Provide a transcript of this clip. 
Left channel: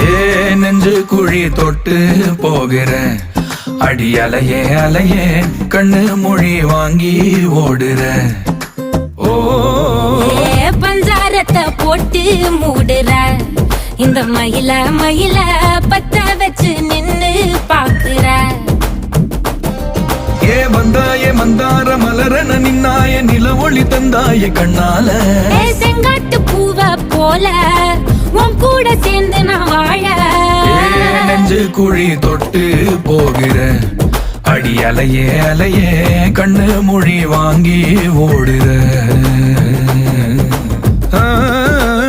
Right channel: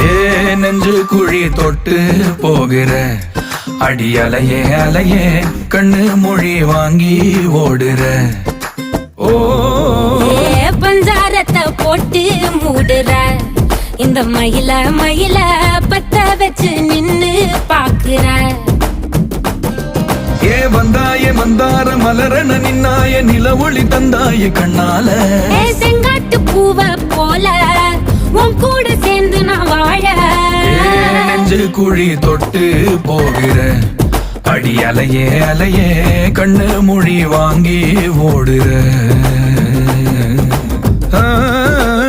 ஏ நெஞ்சு குழி தொட்டு போகிற அடி அலையே அலையே கண்ணு மொழி வாங்கி ஓடுற. ஓ பஞ்சாரத்தை போட்டு மூடுற இந்த மயில மயில பத்த வச்சு நின்னு பாக்குற. ஏ வந்தாய மந்தார மலரன நின்னாய நில ஒளி தந்தாய கண்ணால. செங்காட்டு பூவ போல உன் கூட சேர்ந்து நான் வாழ. நெஞ்சு குழி தொட்டு போகிற அடி அலையே அலையே கண்ணு மொழி வாங்கி ஓடுற.